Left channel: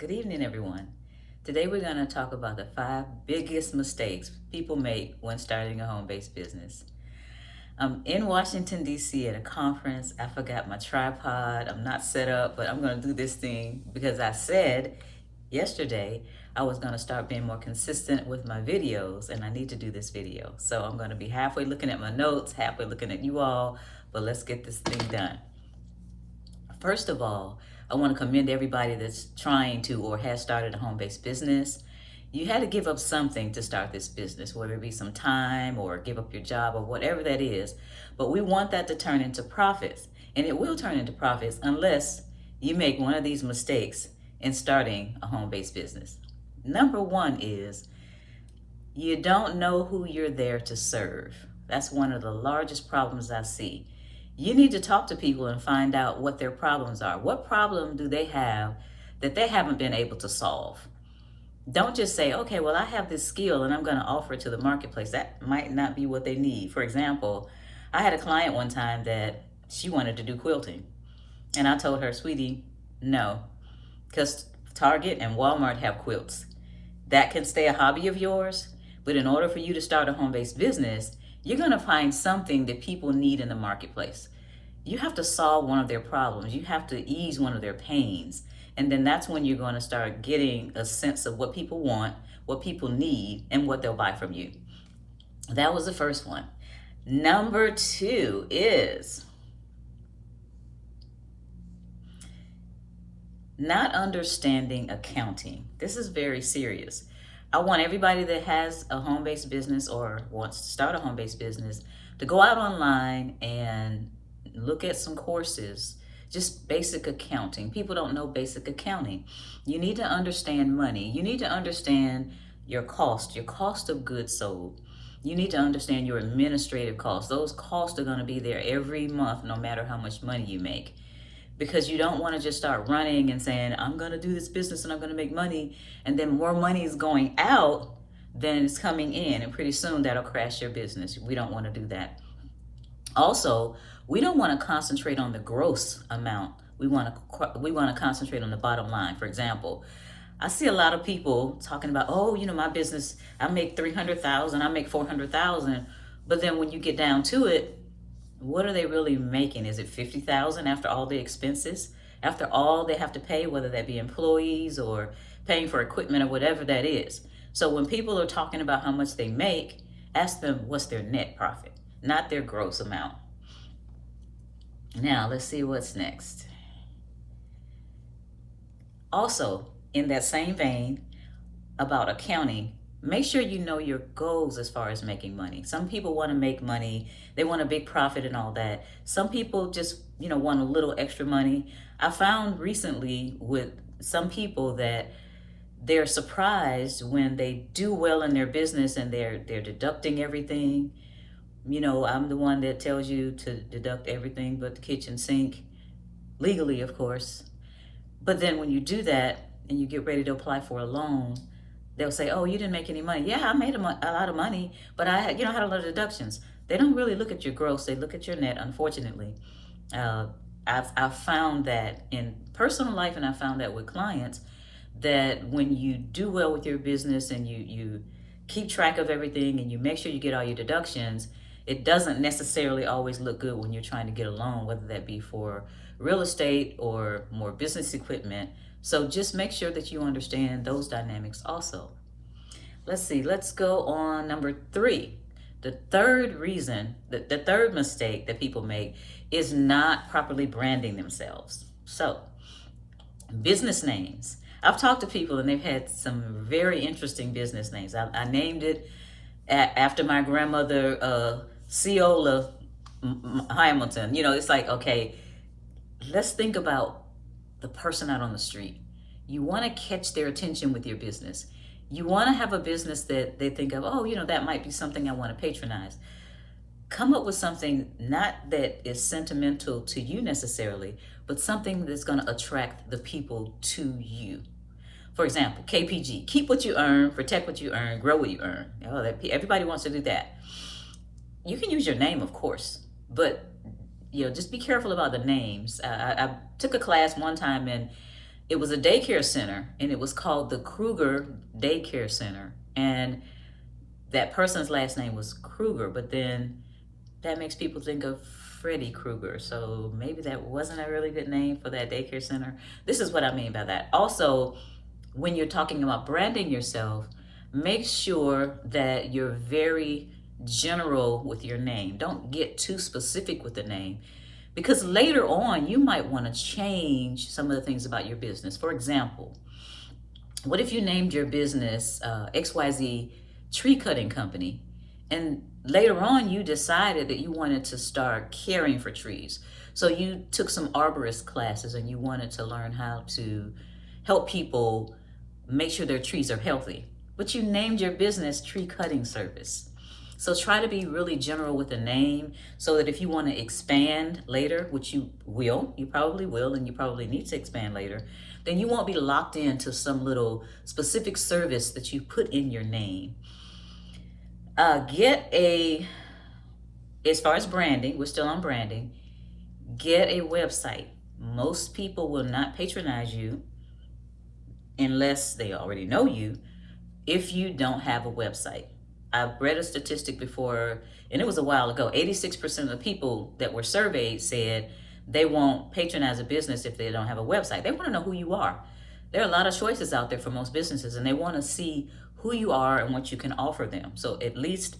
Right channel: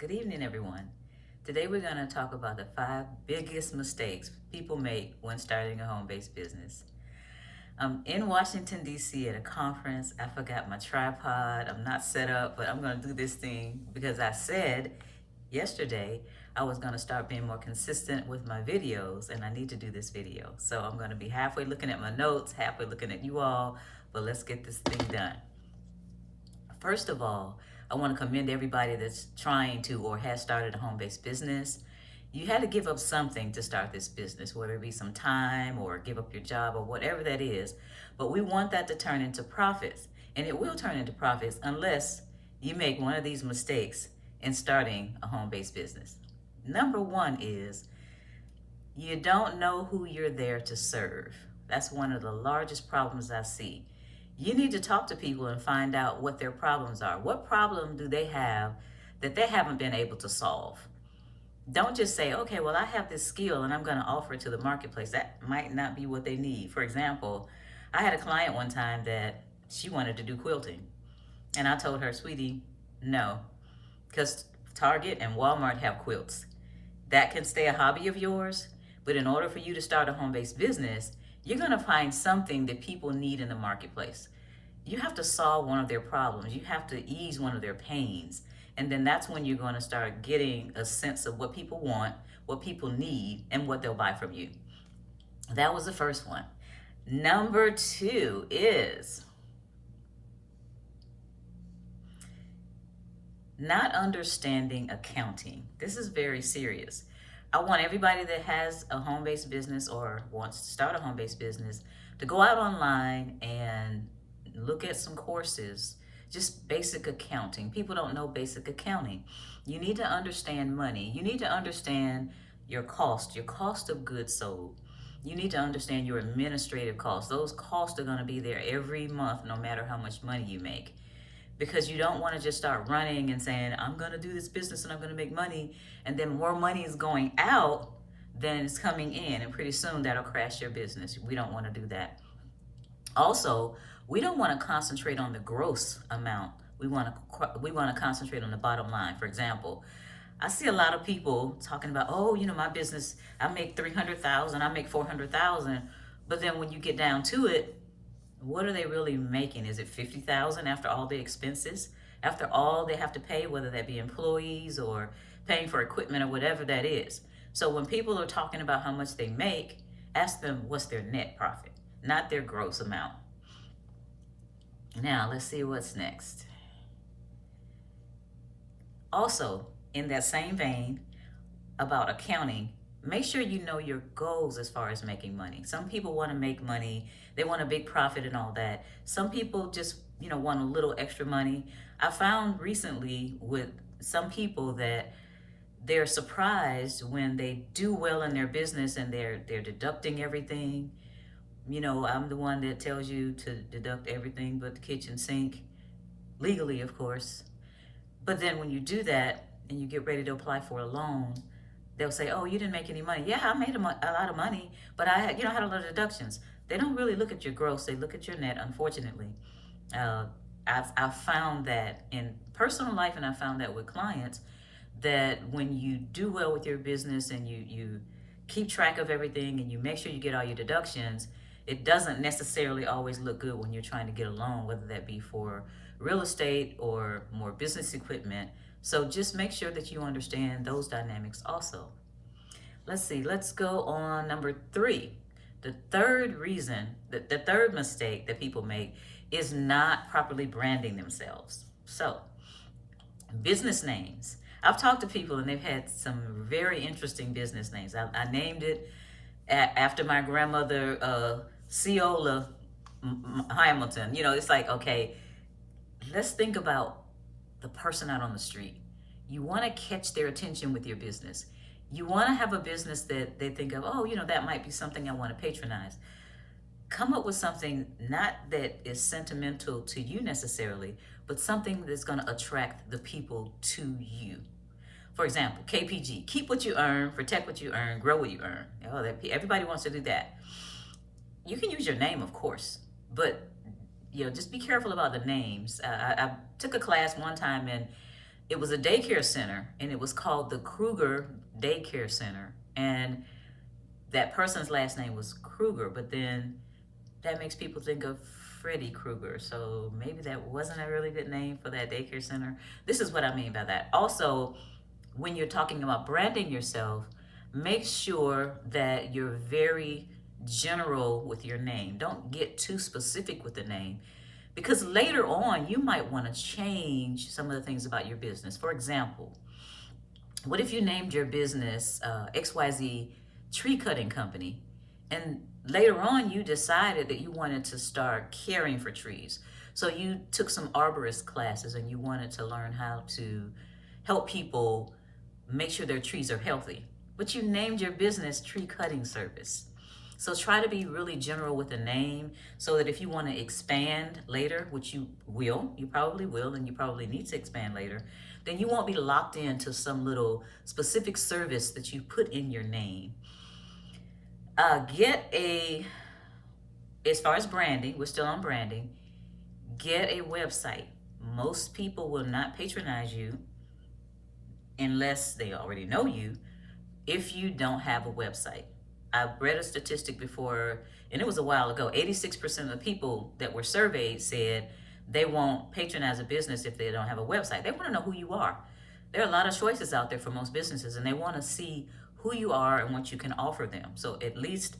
Good evening, everyone. Today we're going to talk about the 5 biggest mistakes people make when starting a home-based business. I'm in Washington, D.C. at a conference. I forgot my tripod. I'm not set up, but I'm going to do this thing because I said yesterday I was going to start being more consistent with my videos, and I need to do this video. So I'm going to be halfway looking at my notes, halfway looking at you all, but let's get this thing done. First of all, I want to commend everybody that's trying to or has started a home-based business. You had to give up something to start this business, whether it be some time or give up your job or whatever that is. But we want that to turn into profits. And it will turn into profits unless you make one of these mistakes in starting a home-based business. Number one is you don't know who you're there to serve. That's one of the largest problems I see. You need to talk to people and find out what their problems are. What problem do they have that they haven't been able to solve? Don't just say, okay, well, I have this skill and I'm going to offer it to the marketplace. That might not be what they need. For example, I had a client one time that she wanted to do quilting. And I told her, sweetie, no, because Target and Walmart have quilts. That can stay a hobby of yours, but in order for you to start a home-based business, you're going to find something that people need in the marketplace. You have to solve one of their problems. You have to ease one of their pains. And then that's when you're going to start getting a sense of what people want, what people need, and what they'll buy from you. That was the first one. Number two is not understanding accounting. This is very serious. I want everybody that has a home-based business or wants to start a home-based business to go out online and look at some courses, just basic accounting. People don't know basic accounting. You need to understand money. You need to understand your cost of goods sold. You need to understand your administrative costs. Those costs are going to be there every month, no matter how much money you make. Because you don't want to just start running and saying, I'm going to do this business and I'm going to make money, and then more money is going out than is coming in, and pretty soon that'll crash your business. We don't want to do that. Also, we don't want to concentrate on the gross amount. We want to concentrate on the bottom line. For example, I see a lot of people talking about, oh, my business, I make 300,000, I make 400,000, but then when you get down to it, what are they really making? Is it 50,000 after all the expenses? After all they have to pay, whether that be employees or paying for equipment or whatever that is. So when people are talking about how much they make, ask them what's their net profit, not their gross amount. Now, let's see what's next. Also, in that same vein about accounting, make sure you know your goals as far as making money. Some people want to make money. They want a big profit and all that. Some people just, want a little extra money. I found recently with some people that they're surprised when they do well in their business and they're deducting everything. I'm the one that tells you to deduct everything but the kitchen sink, legally, of course. But then when you do that and you get ready to apply for a loan, they'll say, oh, you didn't make any money. Yeah, I made a lot of money, but I had a lot of deductions. They don't really look at your gross, they look at your net, unfortunately. I've found that in personal life, and I found that with clients, that when you do well with your business and you keep track of everything and you make sure you get all your deductions, it doesn't necessarily always look good when you're trying to get a loan, whether that be for real estate or more business equipment. So just make sure that you understand those dynamics also. Let's see, let's go on number three. The third reason, the third mistake that people make is not properly branding themselves. So, business names. I've talked to people and they've had some very interesting business names. I named it after my grandmother, Ceola Hamilton. It's like, okay, let's think about the person out on the street. You want to catch their attention with your business. You want to have a business that they think of, oh, that might be something I want to patronize. Come up with something not that is sentimental to you necessarily, but something that's going to attract the people to you. For example, KPG, keep what you earn, protect what you earn, grow what you earn. Everybody wants to do that. You can use your name, of course, but just be careful about the names. I took a class one time, and It was a daycare center, and it was called the Kruger Daycare Center. And that person's last name was Kruger, but then that makes people think of Freddy Krueger. So maybe that wasn't a really good name for that daycare center. This is what I mean by that. Also, when you're talking about branding yourself, make sure that you're very general with your name. Don't get too specific with the name, because later on you might want to change some of the things about your business. For example, what if you named your business XYZ Tree Cutting Company, and later on you decided that you wanted to start caring for trees? So you took some arborist classes and you wanted to learn how to help people make sure their trees are healthy. But you named your business Tree Cutting Service. So try to be really general with the name, so that if you want to expand later, which you probably will, and you probably need to expand later, then you won't be locked into some little specific service that you put in your name. As far as branding, we're still on branding, get a website. Most people will not patronize you unless they already know you if you don't have a website. I've read a statistic before, and it was a while ago. 86% of the people that were surveyed said they won't patronize a business if they don't have a website. They want to know who you are. There are a lot of choices out there for most businesses, and they want to see who you are and what you can offer them. So at least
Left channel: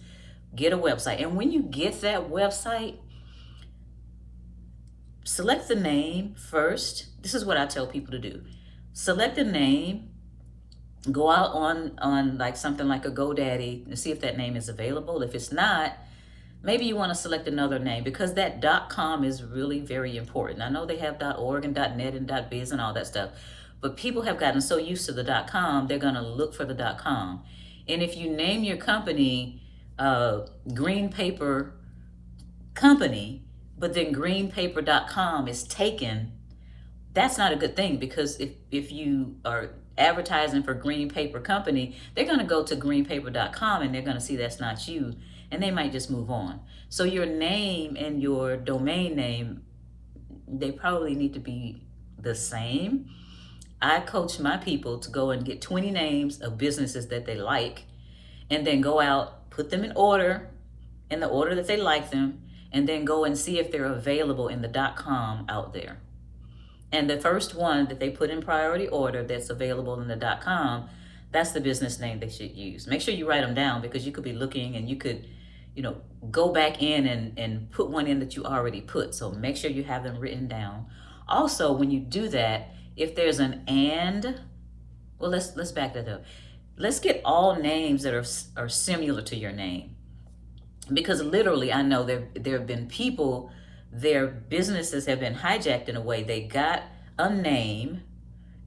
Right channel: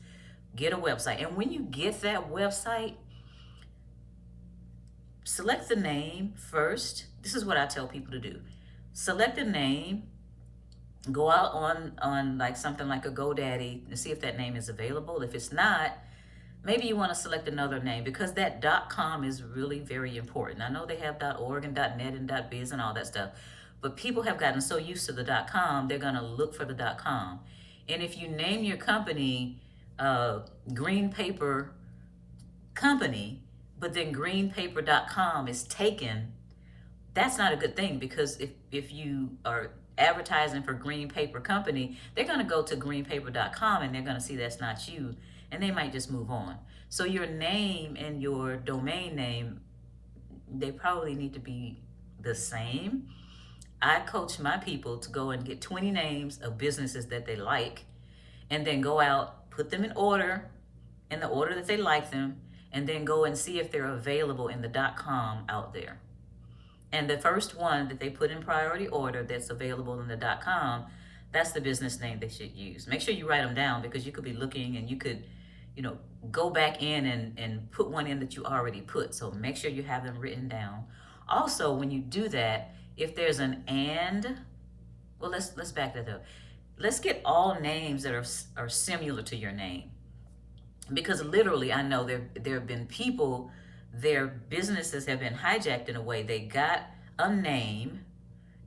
get a website. And when you get that website, select the name first. This is what I tell people to do. Select a name, go out on like something like a GoDaddy and see if that name is available. If it's not, maybe you want to select another name, because that .com is really very important. I know they have .org and .net and .biz and all that stuff, but people have gotten so used to the .com, they're going to look for the .com. And if you name your company Green Paper Company, but then greenpaper.com is taken, that's not a good thing, because if you are advertising for Green Paper Company, they're going to go to greenpaper.com and they're going to see that's not you, and they might just move on. So your name and your domain name, they probably need to be the same. I coach my people to go and get 20 names of businesses that they like, and then go out, put them in order, in the order that they like them, and then go and see if they're available in the .com out there. And the first one that they put in priority order that's available in the .com, that's the business name they should use. Make sure you write them down, because you could be looking and you could, go back in and put one in that you already put. So make sure you have them written down. Also, when you do that, if there's an and, well, let's back that up. Let's get all names that are similar to your name, because literally I know there have been people, their businesses have been hijacked in a way. They got a name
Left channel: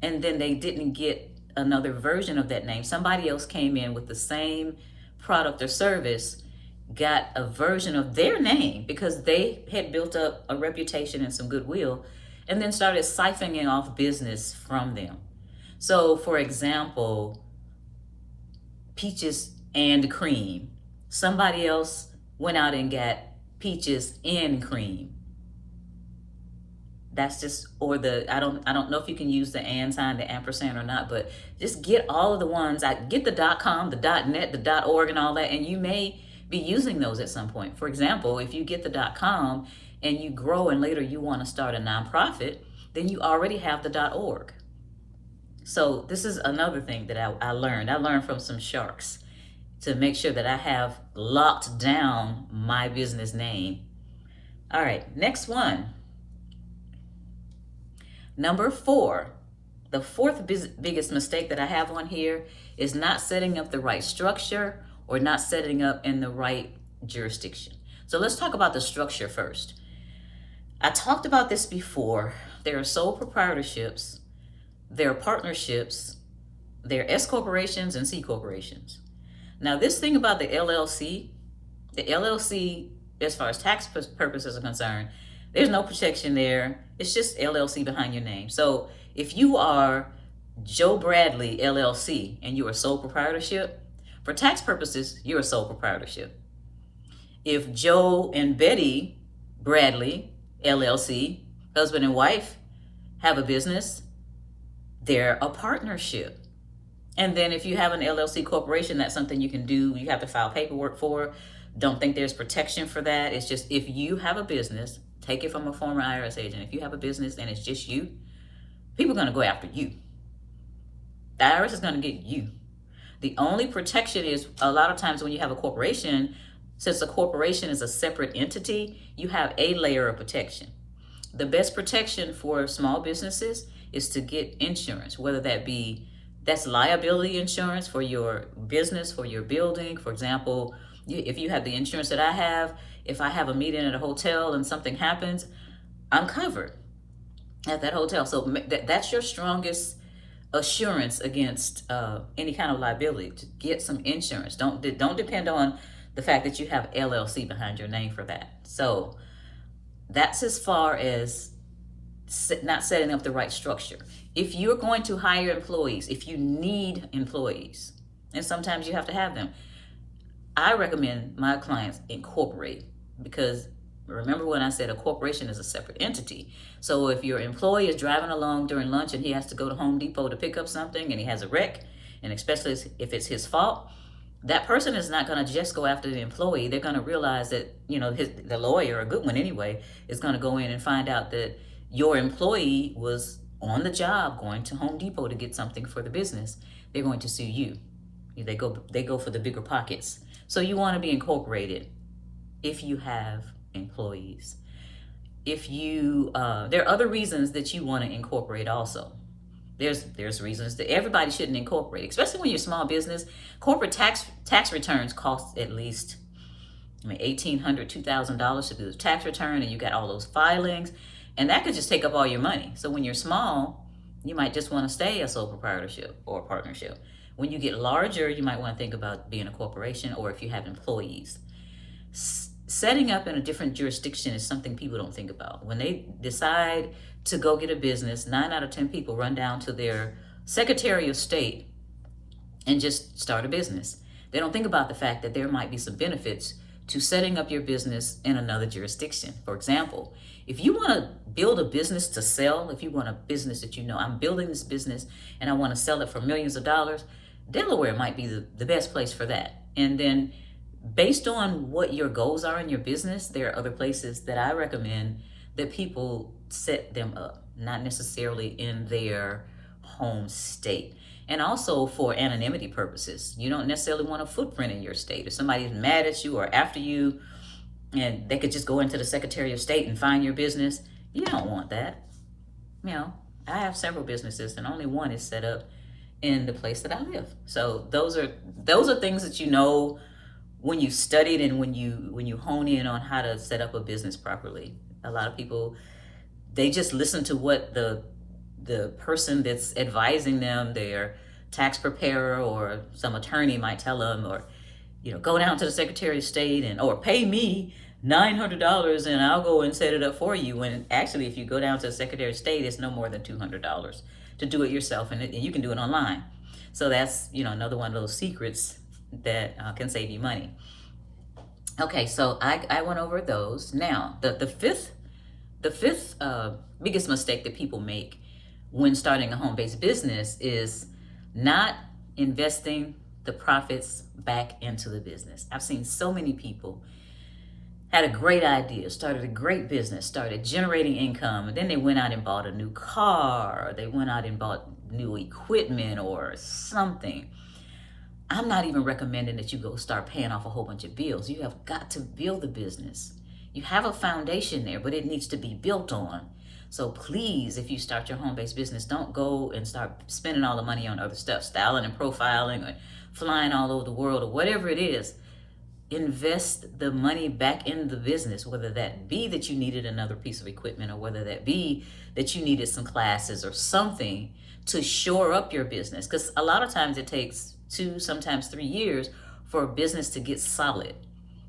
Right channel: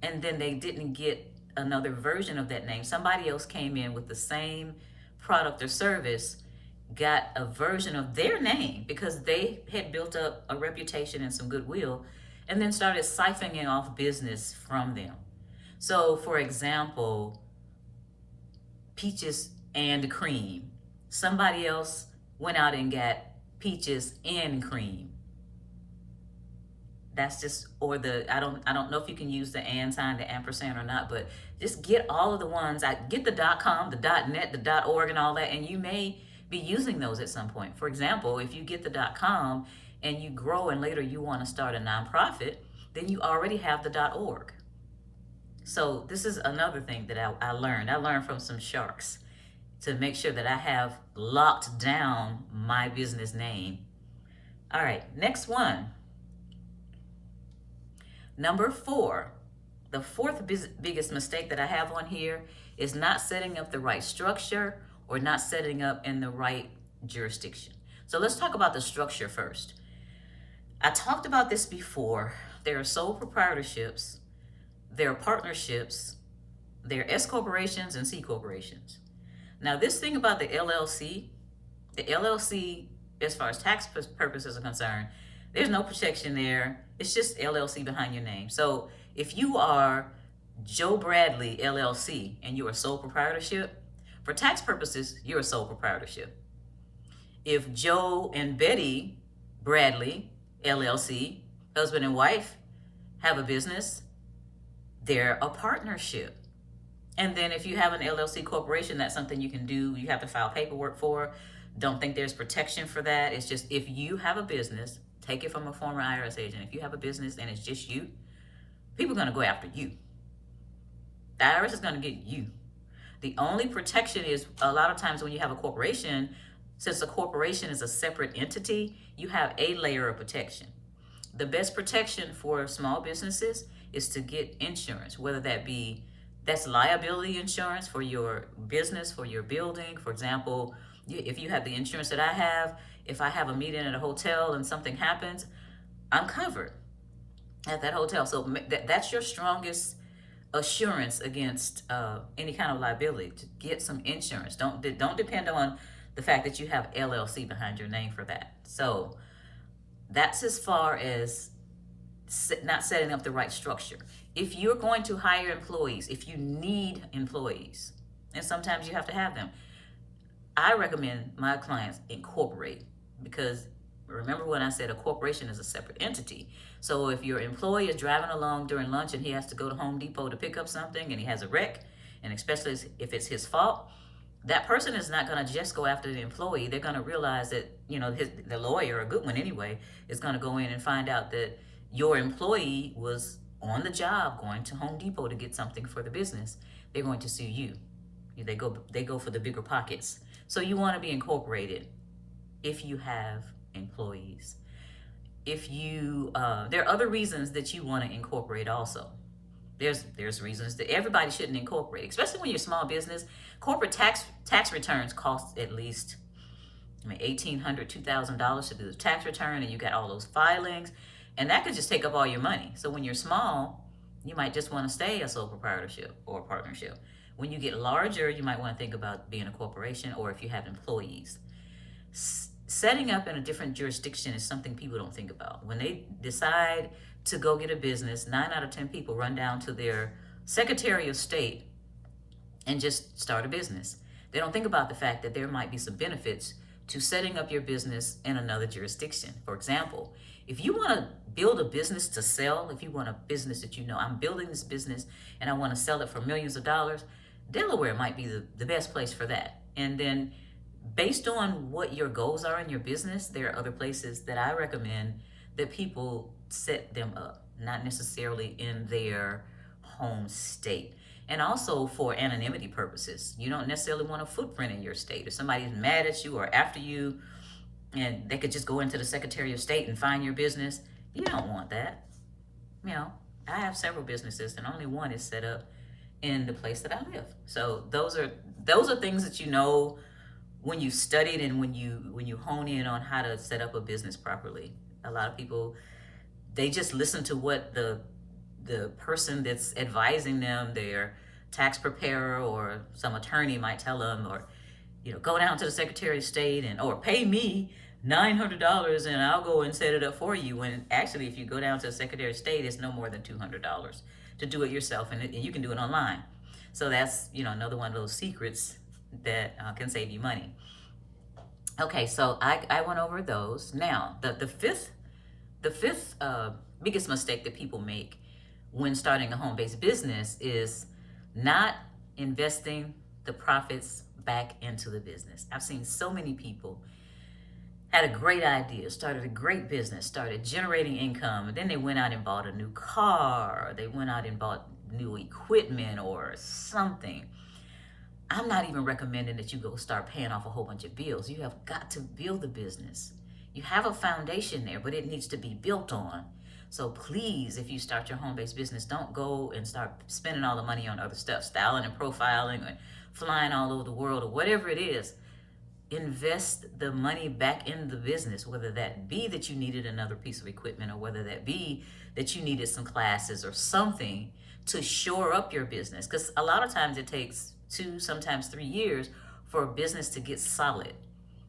and then they didn't get another version of that name. Somebody else came in with the same product or service, got a version of their name because they had built up a reputation and some goodwill, and then started siphoning off business from them. So for example, Peaches and Cream. Somebody else went out and got Peaches and Cream. That's just, or I don't know if you can use the and sign, the ampersand or not, but just get all of the ones. I get the .com, the .net, the .org and all that, and you may be using those at some point. For example, if you get the .com and you grow and later you want to start a nonprofit, then you already have the .org. So this is another thing that I learned. I learned from some sharks to make sure that I have locked down my business name. All right, next one. Number 4, the fourth biggest mistake that I have on here is not setting up the right structure or not setting up in the right jurisdiction. So let's talk about the structure first. I talked about this before. There are sole proprietorships, there are partnerships, there are S corporations and C corporations. Now this thing about the LLC, as far as tax purposes are concerned, there's no protection there. It's just LLC behind your name. So if you are Joe Bradley LLC and you are sole proprietorship, for tax purposes, you're a sole proprietorship. If Joe and Betty Bradley LLC, husband and wife, have a business, they're a partnership. And then if you have an LLC corporation, that's something you can do. You have to file paperwork for. Don't think there's protection for that. It's just if you have a business, take it from a former IRS agent. If you have a business and it's just you, people are going to go after you. The IRS is going to get you. The only protection is a lot of times when you have a corporation, since a corporation is a separate entity, you have a layer of protection. The best protection for small businesses is to get insurance, whether that's liability insurance for your business, for your building. For example, if you have the insurance that I have, if I have a meeting at a hotel and something happens, I'm covered at that hotel. So that's your strongest assurance against any kind of liability, to get some insurance. Don't depend on the fact that you have LLC behind your name for that. So that's as far as not setting up the right structure. If you're going to hire employees, if you need employees, and sometimes you have to have them, I recommend my clients incorporate, because remember when I said a corporation is a separate entity. So if your employee is driving along during lunch and he has to go to Home Depot to pick up something and he has a wreck, and especially if it's his fault, that person is not going to just go after the employee. They're going to realize that, the lawyer, a good one anyway, is going to go in and find out that your employee was on the job going to Home Depot to get something for the business. They're going to sue you. They go for the bigger pockets. So you want to be incorporated if you have employees. If you there are other reasons that you want to incorporate also. There's reasons that everybody shouldn't incorporate, especially when you're a small business. Corporate tax returns cost at least $1,800, $2,000 to do the tax return, and you got all those filings, and that could just take up all your money. So when you're small, you might just want to stay a sole proprietorship or partnership. When you get larger, you might want to think about being a corporation, or if you have employees. Setting up in a different jurisdiction is something people don't think about. When they decide to go get a business, 9 out of 10 people run down to their Secretary of State and just start a business. They don't think about the fact that there might be some benefits to setting up your business in another jurisdiction. For example, if you want to build a business to sell, if you want a business that I'm building this business and I want to sell it for millions of dollars, Delaware might be the best place for that. And then based on what your goals are in your business, there are other places that I recommend that people set them up, not necessarily in their home state. And also for anonymity purposes. You don't necessarily want a footprint in your state. If somebody's mad at you or after you, and they could just go into the Secretary of State and find your business, you don't want that. I have several businesses and only one is set up in the place that I live. So those are things that when you studied and when you hone in on how to set up a business properly. A lot of people, they just listen to what the person that's advising them, their tax preparer or some attorney might tell them, or go down to the Secretary of State or pay me $900 and I'll go and set it up for you. When actually, if you go down to the Secretary of State, it's no more than $200 to do it yourself, and you can do it online. So that's another one of those secrets that can save you money. Okay, so I went over those. Now the fifth biggest mistake that people make when starting a home-based business is not investing the profits back into the business. I've seen so many people had a great idea, started a great business, started generating income, and then they went out and bought a new car, or they went out and bought new equipment or something. I'm not even recommending that you go start paying off a whole bunch of bills. You have got to build the business. You have a foundation there, but it needs to be built on. So please, if you start your home-based business, don't go and start spending all the money on other stuff, styling and profiling or flying all over the world or whatever it is. Invest the money back in the business, whether that be that you needed another piece of equipment or whether that be that you needed some classes or something to shore up your business. Because a lot of times it takes 2, sometimes 3 years for a business to get solid.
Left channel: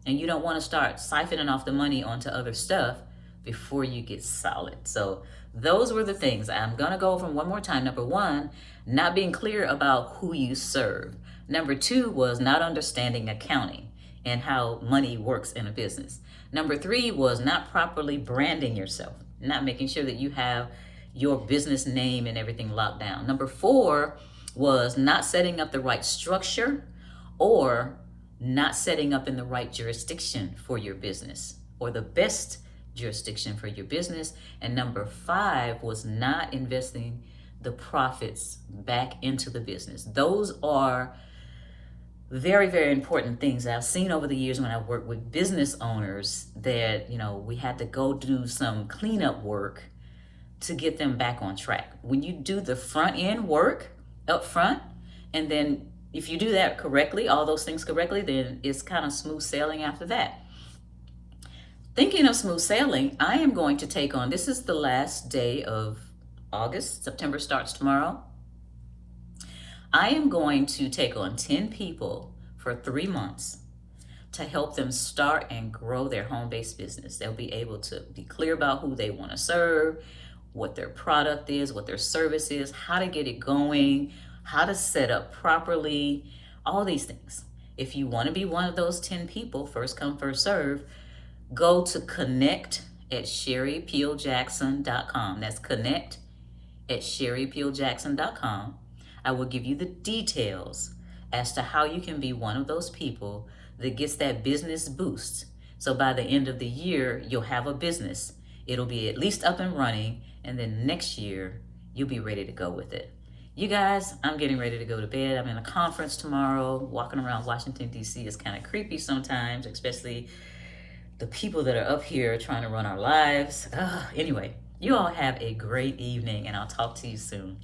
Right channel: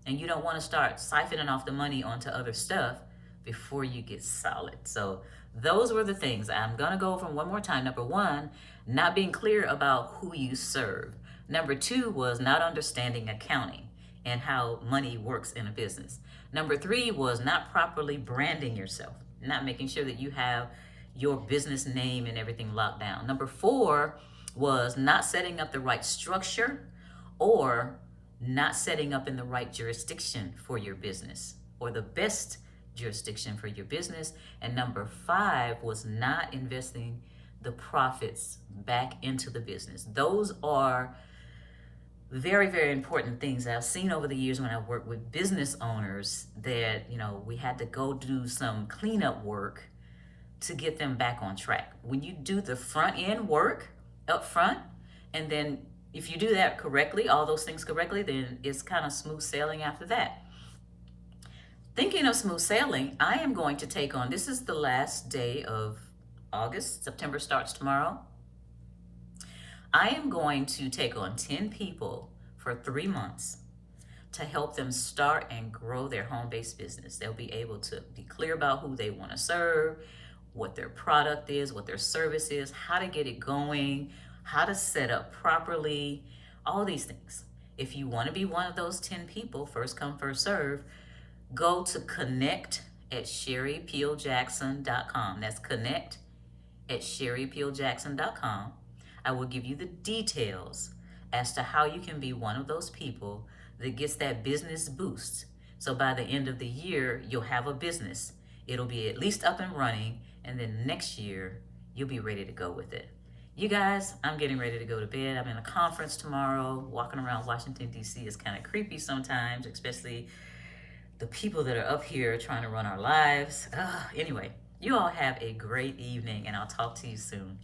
And you don't want to start siphoning off the money onto other stuff before you get solid. So those were the things. I'm going to go over them one more time. Number 1, not being clear about who you serve. Number 2 was not understanding accounting and how money works in a business. Number 3 was not properly branding yourself, not making sure that you have your business name and everything locked down. Number 4 was not setting up the right structure or not setting up in the right jurisdiction for your business or the best jurisdiction for your business. And number 5 was not investing the profits back into the business. Those are very, very important things I've seen over the years when I've worked with business owners that, we had to go do some cleanup work to get them back on track. When you do the front end work up front, and then if you do that correctly, all those things correctly, then it's kind of smooth sailing after that. Thinking of smooth sailing, I am going to take on, this is the last day of August, September starts tomorrow. I am going to take on 10 people for 3 months to help them start and grow their home-based business. They'll be able to be clear about who they want to serve, what their product is, what their service is, how to get it going, how to set up properly, all these things. If you want to be one of those 10 people, first come, first serve, go to connect@sherrypeeljackson.com. That's connect@sherrypeeljackson.com. I will give you the details as to how you can be one of those people that gets that business boost. So by the end of the year, you'll have a business. It'll be at least up and running, and then next year, you'll be ready to go with it. You guys, I'm getting ready to go to bed. I'm in a conference tomorrow. Walking around Washington, D.C. is kind of creepy sometimes, especially the people that are up here trying to run our lives. Anyway, you all have a great evening, and I'll talk to you soon.